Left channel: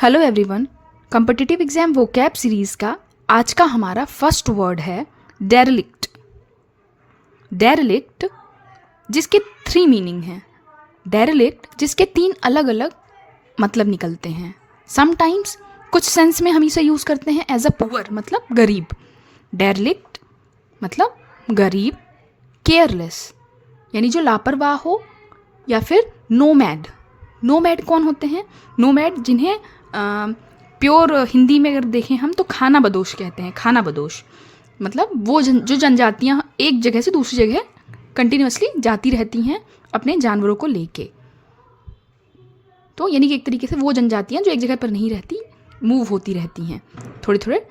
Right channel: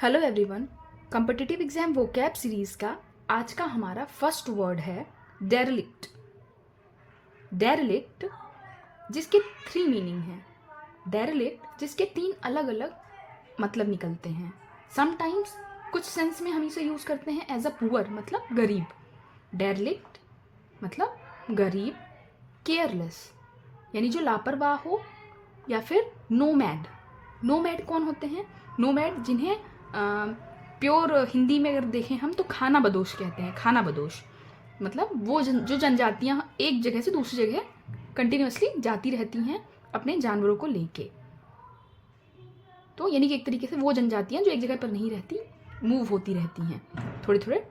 Hello everyone. Competitive exam vocab series का आज का हमारा फर्स्ट वर्ड है डेरेलिक्ट। डेरेलिक्ट जिसके 3 मीनिंग हैं। डेरेलिक्ट जिसके 3 अलग अलग मतलब निकलते हैं। समटाइम्स कुछ सेंस में हम इसे यूज़ करते हैं एज अ पुअर मतलब गरीब। डेरेलिक्ट मतलब गरीब। केयरलेस यानी जो लापरवाह हो, या फिर नोमैड। नोमैड कौन होते हैं? नोमैड जिन्हें प्योर हिंदी में अगर देखें हम तो खाना बदोश कहते हैं। खाना बदोश मतलब वो जो जनजातियाँ एक जगह से दूसरी जगह कंटिन्यूसली जाती रहती हैं अपने जानवरों को लेके। तो यानी कि एक तरीके से वो जनजातियाँ जो एक जगह पर नहीं रहती, मूव होती रहती हैं थोड़े थोड़े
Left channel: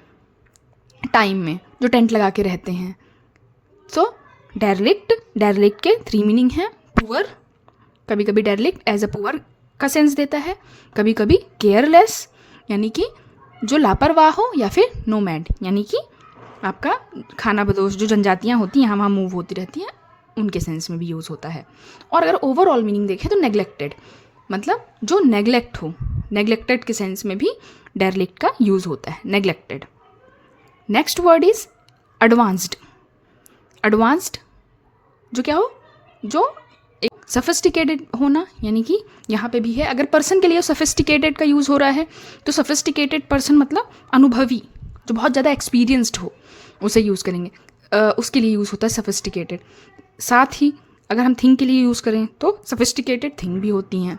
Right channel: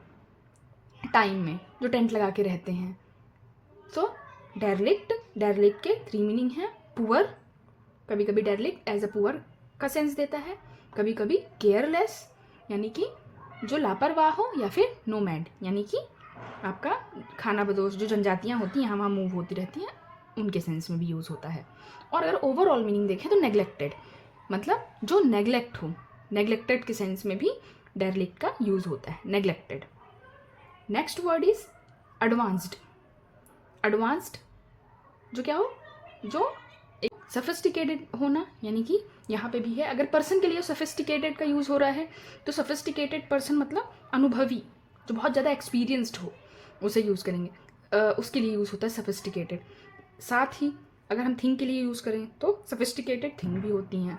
टाइम में, जो टेंट लगा के रहते हैं। सो डेरेलिक्ट के 3 मीनिंग हैं। पुअर, कभी कभी डेरेलिक्ट एज अ पुअर का सेंस देता है, कभी कभी केयरलेस यानी कि जो लापरवाह हो, या फिर नोमैड यानी कि आपका खाना बदोश जो जनजातियाँ होती हैं यहाँ वहाँ मूव होती रहती हैं, उनके सेंस में भी यूज़ होता है। और अगर ओवरऑल मीनिंग देखें तो नेग्लेक्टेड मतलब जो नेग्लेक्ट हो, नेग्लेक्टेड के सेंस में भी डेरेलिक्ट का यूज़ होता है, neglected. Next word is advanced. Advanced जो क्या हो, जो सफिस्टिकेटेड होना, यानी कि यहाँ पे भी है। अगर पर्सन के लिए सफिस्टिकेटेड का यूज़ हो रहा है तो सफिस्टिकेटेड पर्सन मतलब अनुभवी, जो बहुत ज़्यादा एक्सपीरियंस्ड हो, उसे यूज़ करेंगे। उसके लिए यूज़ होता है सफिस्टिकेटेड। साथ ही अगर हम थिंग के लिए यूज़ करें तो सफिस्टिकेटेड थिंग भी होती हैं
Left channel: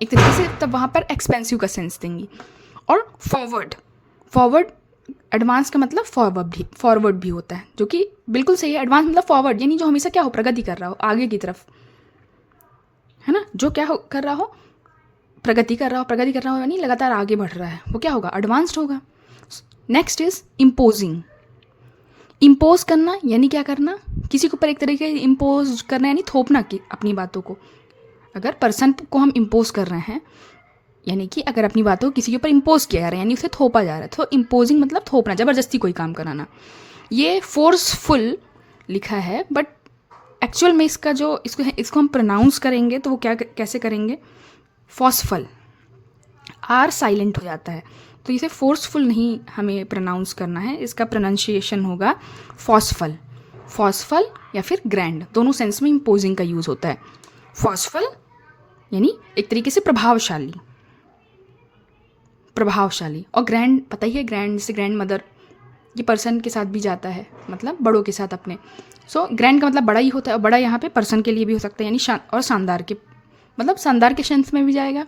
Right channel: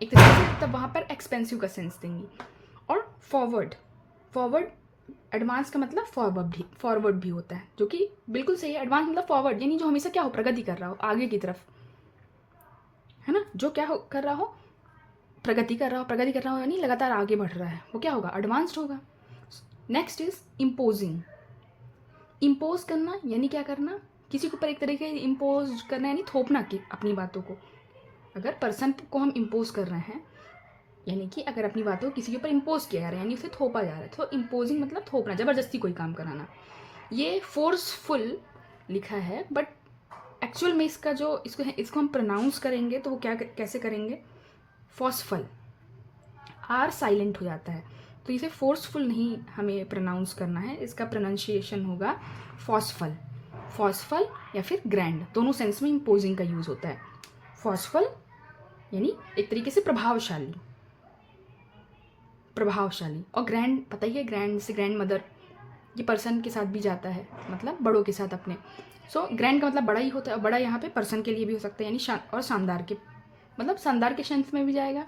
एक तरीके से, तब वहाँ पर एक्सपेंसिव का सेंस देंगी। और फॉरवर्ड एडवांस का मतलब फॉरवर्ड भी होता है, जो कि बिल्कुल सही है। एडवांस मतलब फॉरवर्ड यानी जो हमेशा क्या हो, प्रगति कर रहा हो आगे की तरफ, है ना। जो क्या हो कर रहा हो, प्रगति कर रहा हो यानी लगातार आगे बढ़ रहा है, वो क्या होगा, एडवांस्ड होगा। Next is imposing. इम्पोज करना यानी क्या करना, किसी के ऊपर एक तरीके से इम्पोज करना यानी थोपना कि अपनी बातों को। अगर पर्सन को हम इम्पोज कर रहे हैं यानी कि अगर अपनी बातों को किसी के ऊपर इम्पोज किया जा रहा है यानी उसे थोपा जा रहा है, तो इम्पोजिंग मतलब थोपना, ज़बरदस्ती कोई काम कराना। ये फोर्सफुल लिखा है, बट एक्चुअल में इसका जो इसको हम प्रोनाउंस करेंगे तो वो कैसे करेंगे, फॉर्सफुल। आर साइलेंट हो जाता है, तो इसे फोर्सफुल नहीं हमें प्रोनाउंस करना है, इसका प्रोनाउंसिएशन होगा फॉर्सफुल। फॉर्सफुल या फिर ग्रैंड, दोनों सेंस में इम्पोजिंग का यूज़ होता है। फॉर्सफुल यानी एक तरीके से प्रभावशाली, और ग्रैंड पता ही है, ग्रैंड जैसे ग्रैंड मदर, ये पर्सन के साथ भी जाता है, मतलब बड़ों के साथ अपने। सो ग्रैंड का मतलब बड़ा ही होता है, और बड़ा यहाँ पे पर्सन के लिए भी हो सकता है, यानी और शानदार के मतलब शानदार के सेंस में भी जाएगा,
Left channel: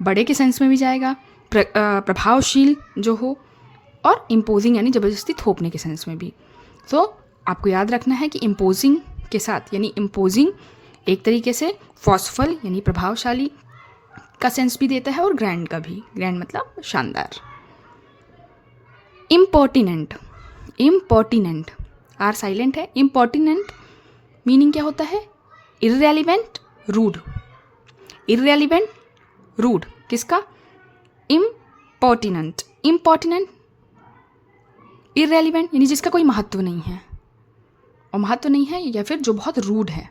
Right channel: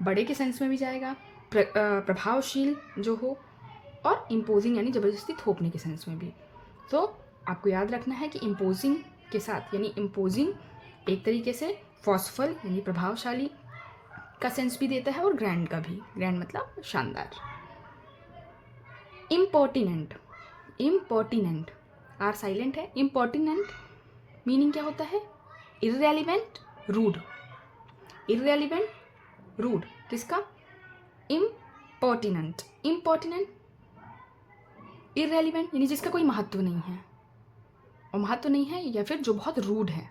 बड़े के सेंस में भी जाएगा, प्रभावशील जो हो, और इम्पोजिंग यानी ज़बरदस्ती थोपने के सेंस में भी। सो आपको याद रखना है कि इम्पोजिंग के साथ, यानी इम्पोजिंग एक तरीके से फॉर्सफुल यानी प्रभावशाली का सेंस भी देता है, और ग्रैंड का भी, ग्रैंड मतलब शानदार। इम्पोर्टिनेंट आर साइलेंट है। इम्पोर्टिनेंट मीनिंग क्या होता है, इररेलेवेंट रूड। इररेलेवेंट रूड किसका, इम्पोर्टिनेंट इररेलेवेंट यानी जिसका कोई महत्व नहीं है, और महत्व नहीं है या फिर जो बहुत रूड है,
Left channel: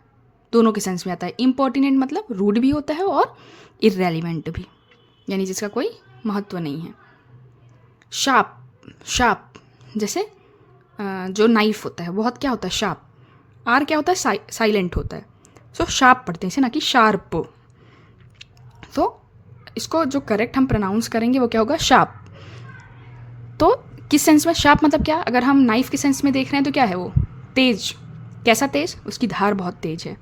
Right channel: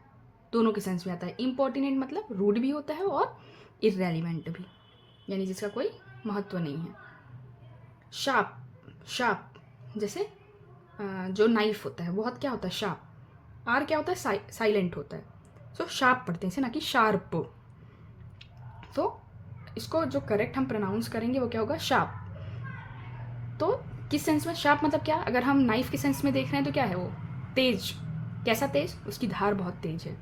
दोनों के सेंस में आता है। इम्पोर्टिनेंट मतलब रूड भी होता है और इररेलेवेंट भी, यानी जिसका कोई महत्व नहीं है। शार्प जैसे जो नाइफ होता है, बहुत क्या होता है, शार्प। आर क्या होता है, साइलेंट होता है। सो शार्प पढ़ते हैं इसे, ना कि शार्प। तो इसको जो करेक्ट हम प्रोनाउंस करेंगे वो क्या होगा, शार्प। तो किस सेंस में शार्प मतलब क्या, अगर हम नाइफ के सेंस में देख रहे हैं तो क्या है वो, तेज। कैसा तेज, उसकी धार बहुत तेज है,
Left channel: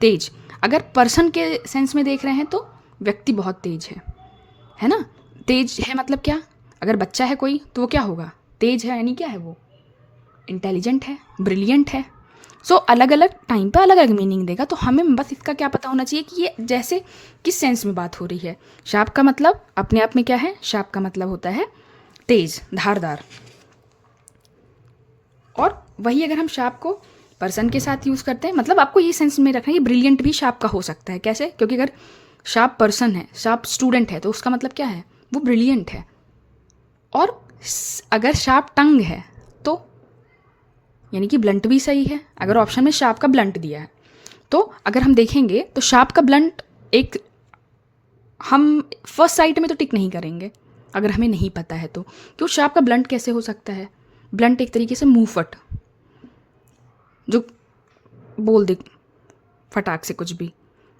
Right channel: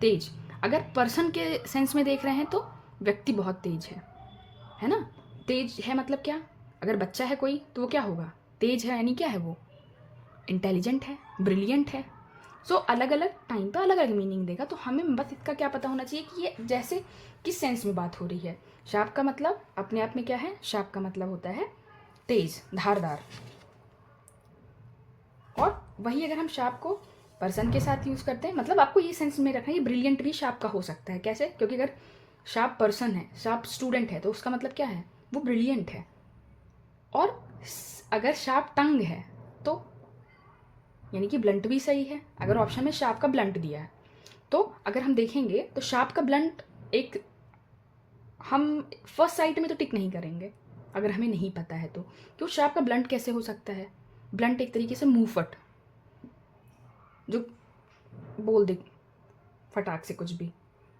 तेज। अगर पर्सन के सेंस में देख रहे हैं तो व्यक्ति बहुत तेज है ना। तेज है मतलब क्या, अगर बच्चा है कोई तो वो क्या होगा, तेज है यानी क्या है, वो इंटेलिजेंट है, ब्रिलियंट है। सो अलग अलग टाइम पे अलग अलग मीनिंग देगा, तो हमें बस इसका क्या पता होना चाहिए कि ये जैसे किस सेंस में बात हो रही है। शार्प का मतलब अपने आप में क्या है, शार्प का मतलब होता है तेज, धारदार। और वही अगर हम शार्प को पर्सन के साथ यूज़ करते हैं, मतलब आपको ये सेंस में रखना है, ये ब्रिलियंट भी शार्प का हो सकता है। कैसे, क्योंकि अगर शार्प पर्सन है, शार्प स्टूडेंट है, तो उसका मतलब क्या है, वो ब्रिलियंट है। और अगर शार्प टंग है तो यानी कि ब्लंट भी सही है, अगर ऑप्शन में शार्प का ब्लंट दिया है। तो अगर हम देखेंगे तो शार्प का ब्लंट एक हम फर्स्ट साइट में तो टिक नहीं करेंगे अगर हमें नहीं पता है तो। क्यों शार्प का ब्लंट कैसे हो सकता है? ब्लंट एक तरीके से मुंह फट, जो बोल दे फटाक से कुछ भी,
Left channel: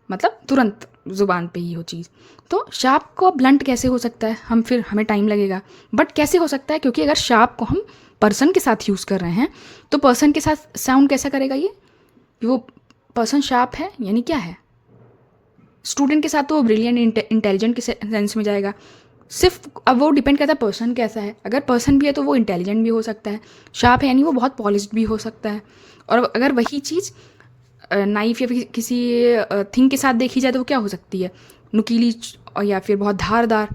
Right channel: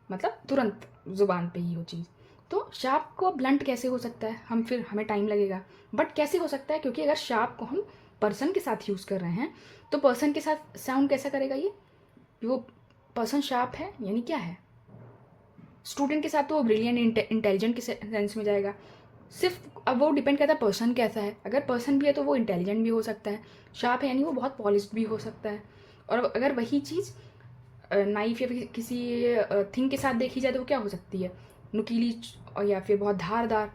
मतलब तुरंत ज़ुबान पे ही हो चीज़। तो शार्प को ब्लंट कैसे हो सकता है? हमें टाइम लगेगा, बट कैसे हो सकता है? क्योंकि अगर शार्प को हम पर्सन के साथ यूज़ कर रहे हैं तो पर्सन के साथ साउंड कैसा करेगा ये? वो पर्सन शार्प है यानी क्या है? स्टूडेंट के साथ तो वो ब्रिलियंट इंटेलिजेंट के सेंस में जाएगा। सिर्फ अब वो डिपेंड करता है पर्सन कैसा है। अगर पर्सन भी है तो वो इंटेलिजेंट भी हो सकता है, शार्प है यानी वो बहुत पॉलिश्ड भी हो सकता है। और अगर वही चीज़ नाइफ या फिर किसी थिंग के साथ देखी जाए तो वो क्या हो सकती है? नुकीली या फिर बहुत धारदार।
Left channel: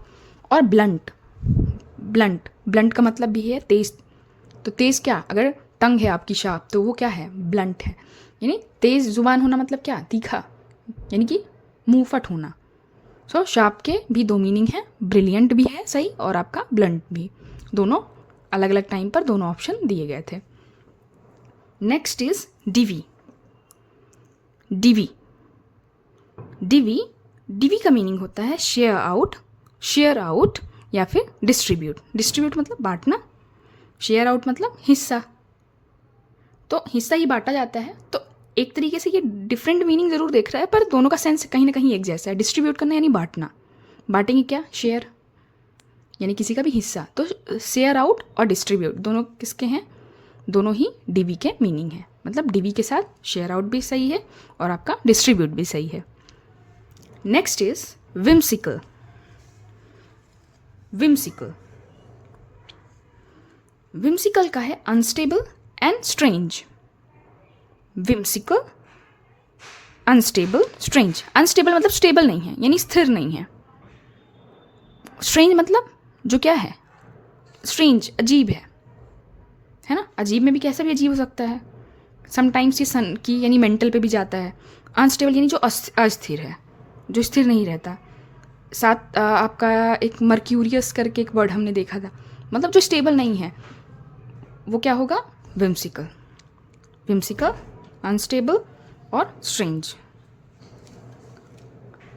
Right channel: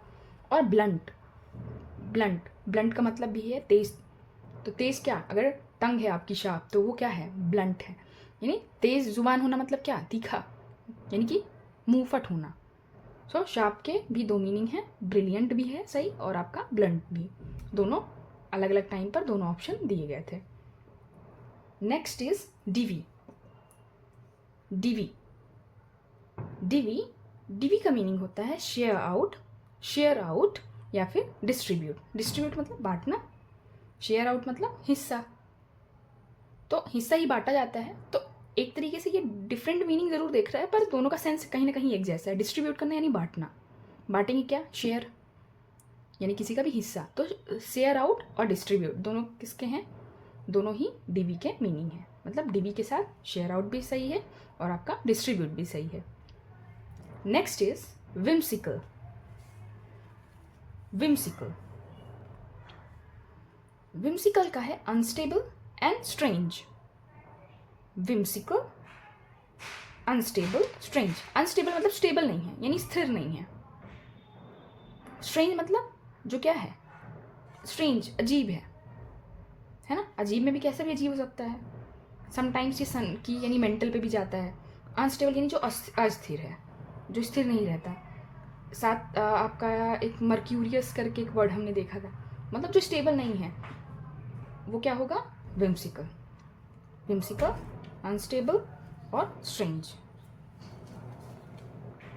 और ब्लंट, ब्लंट का मतलब भी है तेज। तो तेज़ क्या? अगर टंग है आपकी शार्प तो वो क्या है? ब्लंट है। यानी तेज़ जुबान होना मतलब क्या? तीखा, यानी कि मुंह फट होना। सो शार्प के भी दो मीनिंग है, ब्रिलियंट भी है सही, और आपका ब्लंट भी। दोनों अलग अलग टाइम पर दोनों ऑप्शन दिए गए थे। Next is DV. डिवी का मीनिंग होता है शेयर आउट या फिर डिस्ट्रीब्यूट मतलब बांटना, शेयर आउट मतलब हिस्सा। तो हिस्सा ही बांटा जाता है। तो एक तरीके से ये डिफरेंट मीनिंग ज़रूर देख रहा है, पर दोनों का सेंस कहीं ना कहीं एक जैसा है। डिस्ट्रीब्यूट करना यानी बांटना, बांटेंगे क्या? शेयर, यानी किसी का भी हिस्सा। तो शेयर आउट और डिस्ट्रीब्यूट दोनों किसके हैं? दोनों ही डिवी के मीनिंग है। मतलब डिवी के साथ शेयर आउट भी सही है और आपका डिस्ट्रीब्यूट भी सही है। Next is whimsical. विम्सिकल का है unstable and strange. Whimsical, unstable, strange. Unstable मतलब स्टेबल नहीं है यानी स्थिर नहीं है। स्ट्रेंज मतलब जो क्या है? स्ट्रेंज, अजीब है ना? अजीब में भी कैसा भी अजीब हो सकता है। समटाइम्स ये सन की यानी मेंटल पे भी जाता है। अनस्टेबल यानी जो अस्थिर है, जो स्थिर नहीं रहता। साथ आपका एक मर्क्यूरियस करके एक वर्ड हमने देखा था, मतलब जो स्टेबल नहीं है वो क्या होगा? विम्सिकल, अनस्टेबल और स्ट्रेंज।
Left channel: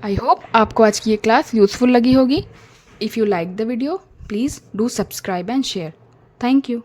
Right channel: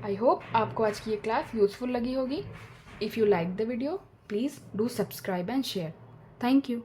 आई होप आपको आज की ये क्लास यूज़फुल लगी होगी। If you like the video please do subscribe and share. Thank you.